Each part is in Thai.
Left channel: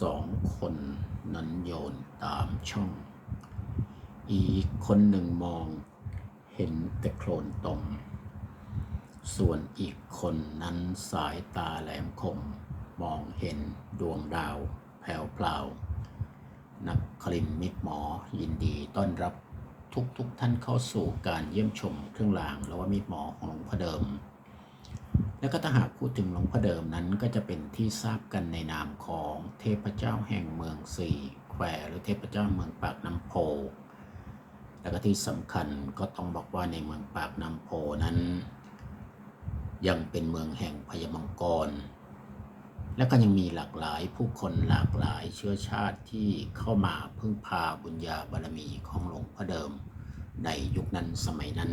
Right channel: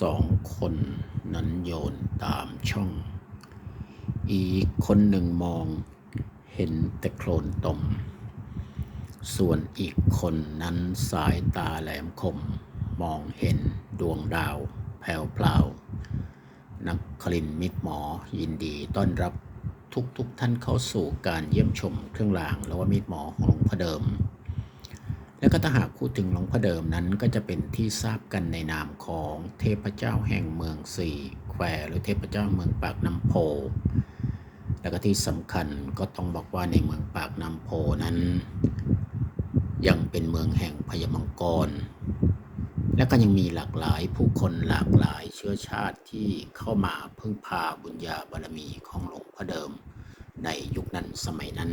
สองคนนั้นโยนตามช่อง อีกคนหนึ่งมองเห็นแต่โคลนตมส่วนอีกคนนั้นสายตาแหลมคม มองเห็นดวงดาวแผ่วพลานักคลินมิตรหมอยินดีต้อนรับทุกทุกๆท่านเข้าสู่การเยี่ยมชมเครื่องรางและว่ามิตรหมอของหลวงพ่อเดิม และก็ถ้าหากพูดถึงหลวงพ่อเดิมนั้นก็จะเป็นที่ทราบกันในนามของเทพเจ้าแห่งเมืองสี่แควหรือเทพเจ้าเมืองปากน้ำโพ แล้วก็ที่สำคัญก็ต้องบอกว่าในเมืองปากน้ำโพนั้น ยังเป็นเมืองแห่งพญามังกร และก็ยังมีหลากหลายผู้คนหลากหลายเชื้อชาติที่เข้ามาพึ่งพาบุญญาบารมีของหลวงพ่อเดิม ในยุคนั้นสมัยนั้น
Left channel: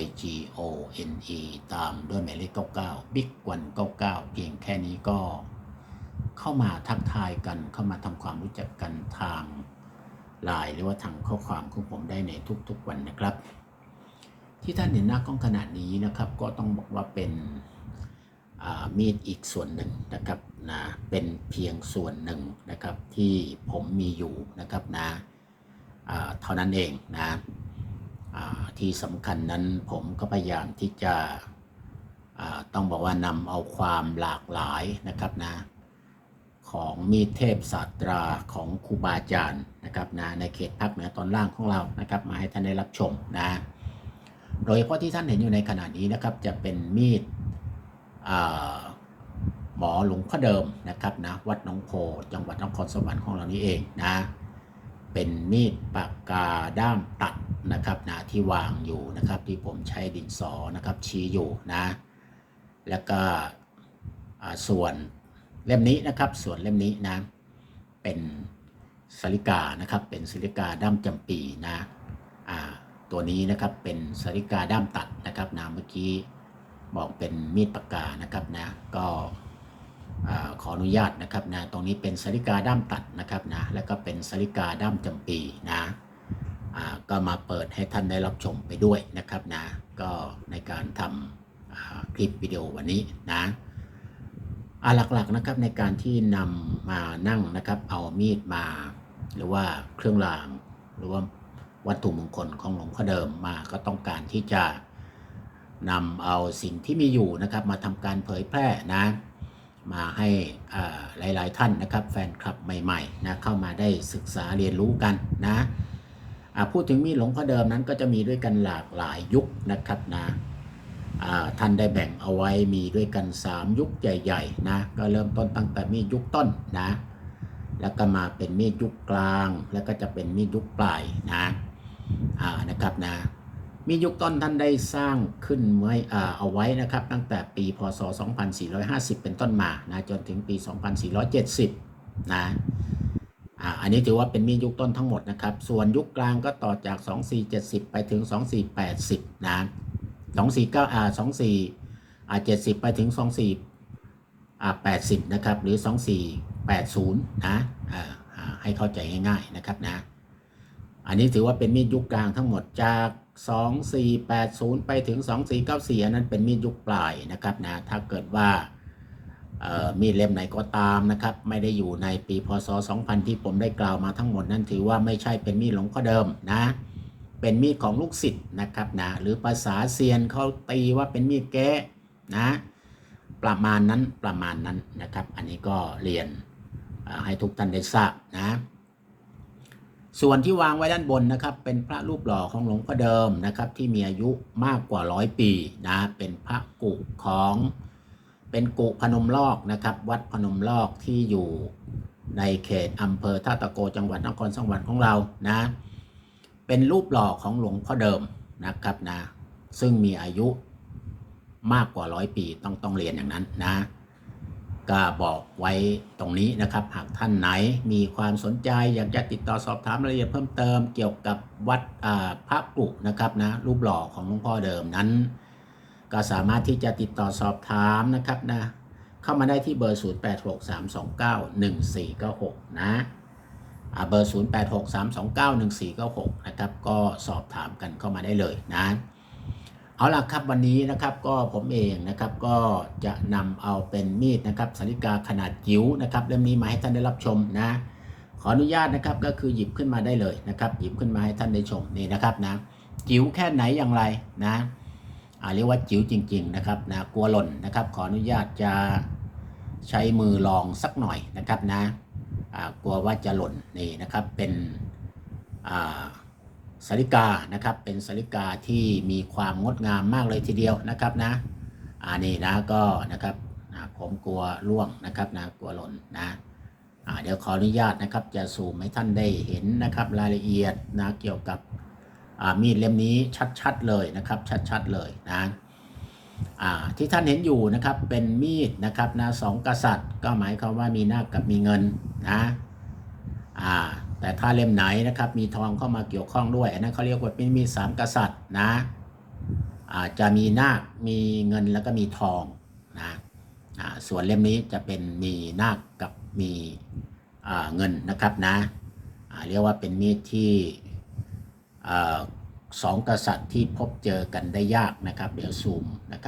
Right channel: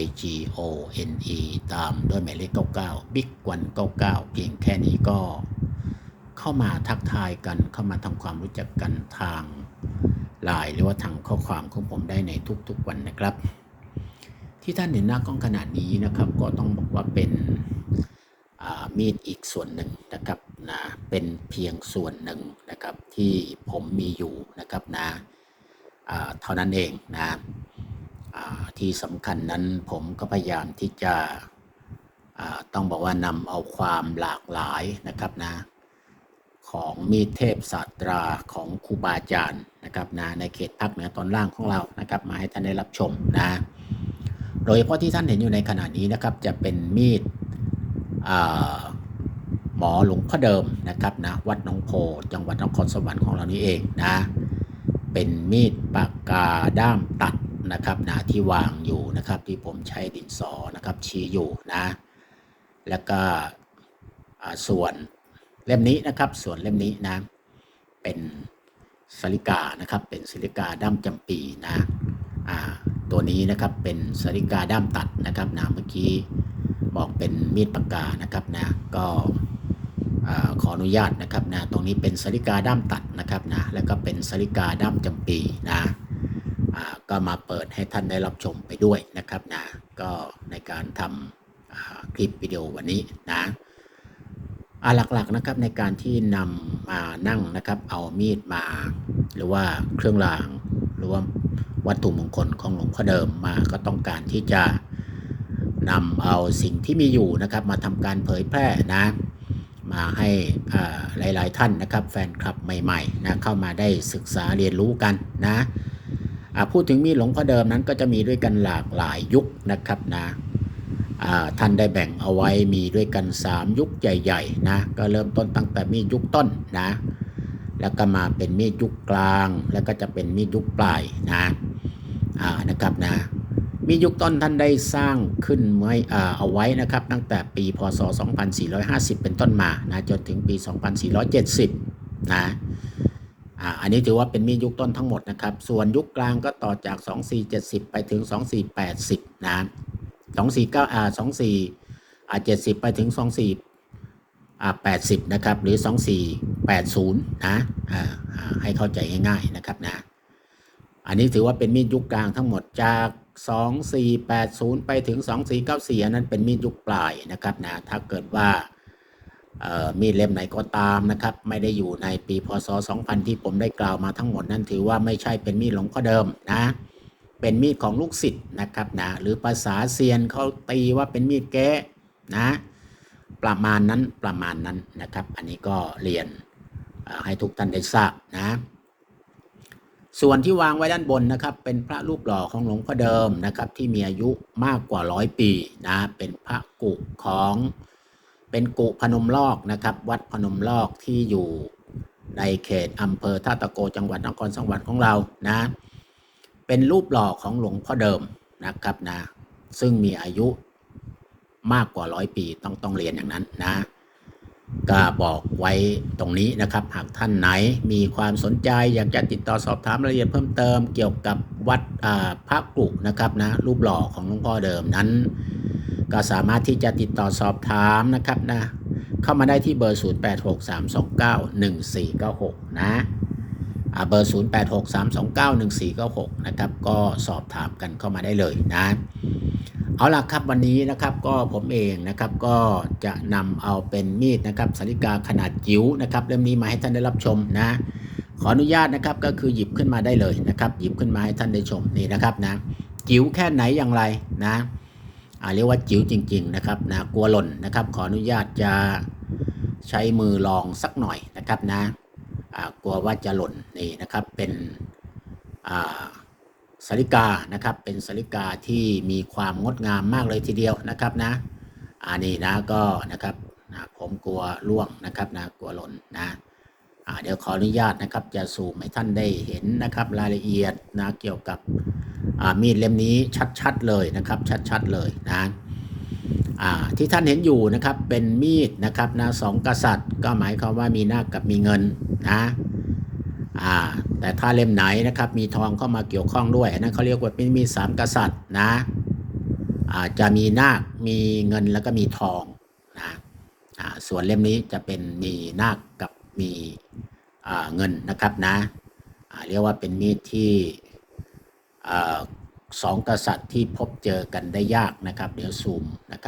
I G O N E ตามด้วยหมายเลข99 Big วัน99 เพียงแค่นี้ก็เข้ามาทักทายกันเข้ามาทำความรู้จักกันทางไลน์หรือว่าทางข้อความของผมได้ในทุกๆวันนะครับ ที่ท่านเห็นหน้ากล้องขนาดนี้นะครับ ก็ต้องบอกว่าเป็นอ่ามีดอีกส่วนหนึ่งนะครับนะเป็นเพียงส่วนหนึ่งนะครับที่ผมมีอยู่นะครับนะเท่านั้นเองนะ ที่สำคัญนั้นผมก็พยายามที่จะต้องบอกว่านำเอาความหลากหลายนะครับนะของมีเทพศาสตราของครูบาอาจารย์นะครับนะในเขตภาคเหนือตอนล่างของเรานะครับ มาให้ท่านได้รับชมนะโดยเฉพาะที่ท่านเห็นอยู่ในขณะนี้นะครับ จะเป็นมีดหมอหลวงพ่อเดิมนะครับนะวัดหนองโพจังหวัดนครสวรรค์ของเรานี่เองนะเป็นมีดปากกาด้ามตัด นะครับนะที่วางอยู่นะครับที่ผมใช้ดินสอนะครับชี้อยู่นะแล้วก็อ่าส่วนเล่มนี้นะครับส่วนเล่มนี้นะเป็นสลิกานะครับเป็นสลิกาด้ามจำปีนะอ่าตัวนี้นะครับเป็นสลิกาด้ามตัดนะครับนะเมื่อกี้บอกเป็นมีดปากกานะครับนะก็อ่าขออนุญาตนะครับนะตรงนี้เป็นสลิกาด้ามตัดนะครับนะแล้วก็เป็นสลิกาด้ามจำปีนะ ก็มาเปิดให้ท่านได้รับชมไปด้วยนะครับนะก็ในการทำคลิปวิดีโอวันนี้นะหลักๆนะครับในการที่นำมานั่งนะครับเอามีดมา หรือว่าเครื่องราง หรือว่าวัตถุมงคลของหลวงพ่อเดิมมาก็ต้องการที่จะนำเอาสิ่งที่มีอยู่นะครับ มาทำการเผยแพร่นะ มาให้หลายๆท่านนะครับ แฟนคลับใหม่ๆนะเข้ามาได้ศึกษาเรียนรู้กันนะ พูดถึงมีดหลวงพ่อเดิมนั้นก็จะมีด้วยกันหลากหลายยุคนะครับนะท่านได้แบ่งเอาไว้มีด้วยกัน 3 ยุคใหญ่ๆนะก็เริ่มต้นตั้งแต่มีดยุคต้นนะแล้วก็มาเป็นมีดยุคกลาง แล้วก็จะเป็นมีดยุคปลายนะนะครับนะมีดยุคต้นท่านได้สร้างขึ้นไว้เอาไว้นะครับ ตั้งแต่ปีพศ 2450 เป็นต้นมานะจนถึงปี 2470 นะ อันนี้ถือว่าเป็นมีดยุคต้นทั้งหมดนะครับ ส่วนยุคกลางก็ต่อจาก 2470 ไปถึง 2480 นะ 249อ่า24อ่า70 ไปถึง 24อ่า80 นะครับ หรือ 2480 นะอ่าอ่าให้เข้าใจง่ายๆนะครับนะ อันนี้ถือว่าเป็นมีดยุคกลางทั้งหมดจาก 2480 ไปถึง 2494 อันนั้นเป็นมีดยุคปลายนะครับนะ ถ้าเกิดว่า มีดเล่มไหนก็ตามนะครับ ไม่ได้อยู่ในปีพศ 2000 ที่ผมได้กล่าวมาทั้งหมดนั้นถือว่าไม่ใช่เป็นมีดหลวงพ่อเดิมนะ เป็นมีดของลูกศิษย์นะครับนะหรือภาษาเซียนเขาตีว่าเป็นมีดแก้นะ ประมาณนั้นประมาณนั้นนะครับ อันนี้ก็เรียนให้ทุกท่านได้ทราบนะส่วนที่วางไว้ด้านบนนะครับ เป็นพระรูปหล่อของหลวงพ่อเดิมนะครับ ที่มีอายุมากกว่าร้อยปีนะเป็นพระกุของ เป็นกุพนมลอกนะครับ วัดพนมลอกที่อยู่ในเขตอำเภอท่าตะโกจังหวัดนครสวรรค์ของเรานะ เป็นรูปหล่อของหลวงพ่อเดิมนะครับนะ ซึ่งมีอายุมากกว่าร้อยปีต้องต้องเรียนอย่างนั้นนะ ก็บอกไว้ตรงนี้นะครับ หากท่านไหนมีความสนใจอยากจะติดต่อสอบถามรายละเอียดเพิ่มเติม เกี่ยวกับวัดพระกรุนะครับนะรูปหล่อของหลวงพ่อเดิมนั้น ก็สามารถที่จะติดต่อสอบถามนะครับนะเข้ามาได้ที่เบอร์ 0863291496 นะอ่าเบอร์ 0863291496 นะครับ ก็สอบถามกันเข้ามาได้เลยนะ เอาล่ะครับวันนี้นะครับก็ผมเองนะครับก็จะนำเอาเป็นมีดนะครับสาริกาขนาดจิ๋วนะครับเล่มนี้มาให้ท่านได้รับชมนะ ขออนุญาตนะครับก็คือหยิบขึ้นมาได้เลยนะครับ หยิบขึ้นมาให้ท่านได้ชมนี่นะครับนะจิ๋วแค่ไหนอย่างไรนะ เรียกว่าจิ๋วจริง ๆ นะครับนะกลัวหล่นนะครับ ขออนุญาตจะใช้มือลองสักหน่อยนะครับนะอ่ากลัวว่าจะหล่นนี่นะครับเป็นสาริกานะครับ เป็นสาริกาที่มีความงดงามมากเลยทีเดียวนะครับนะอันนี้นะก็นะครับนะผมกลัวล่วงนะครับนะกลัวหล่นนะอ่า เดี๋ยวขออนุญาตนะครับ จะซูมให้ท่านได้เห็นนะครับ รายละเอียดนะเกี่ยวกับมีดเล่มนี้ชัดๆเลยนะครับ ชัดๆเลยนะที่ท่านเห็นอยู่นะครับเป็นมีดนะครับนะสองกษัตริย์ ก็หมายความว่ามีนาคกับมีเงินนะแต่ถ้าเล่มไหนนะครับมีทองเข้ามาเกี่ยวข้องด้วยนนั้นเขาเรียกว่าเป็นมีสามกษัตริย์นะอาจจะมีนาคมีเงินแล้วก็มีทองนะส่วนเล่มนี้จะเป็นมีนาคกับมี เงินนะครับนะเรียกว่าเป็นมีดที่อสองกษัตริย์ที่พบเจอกันได้ยากนะครับ เดี๋ยวซูมนะครับ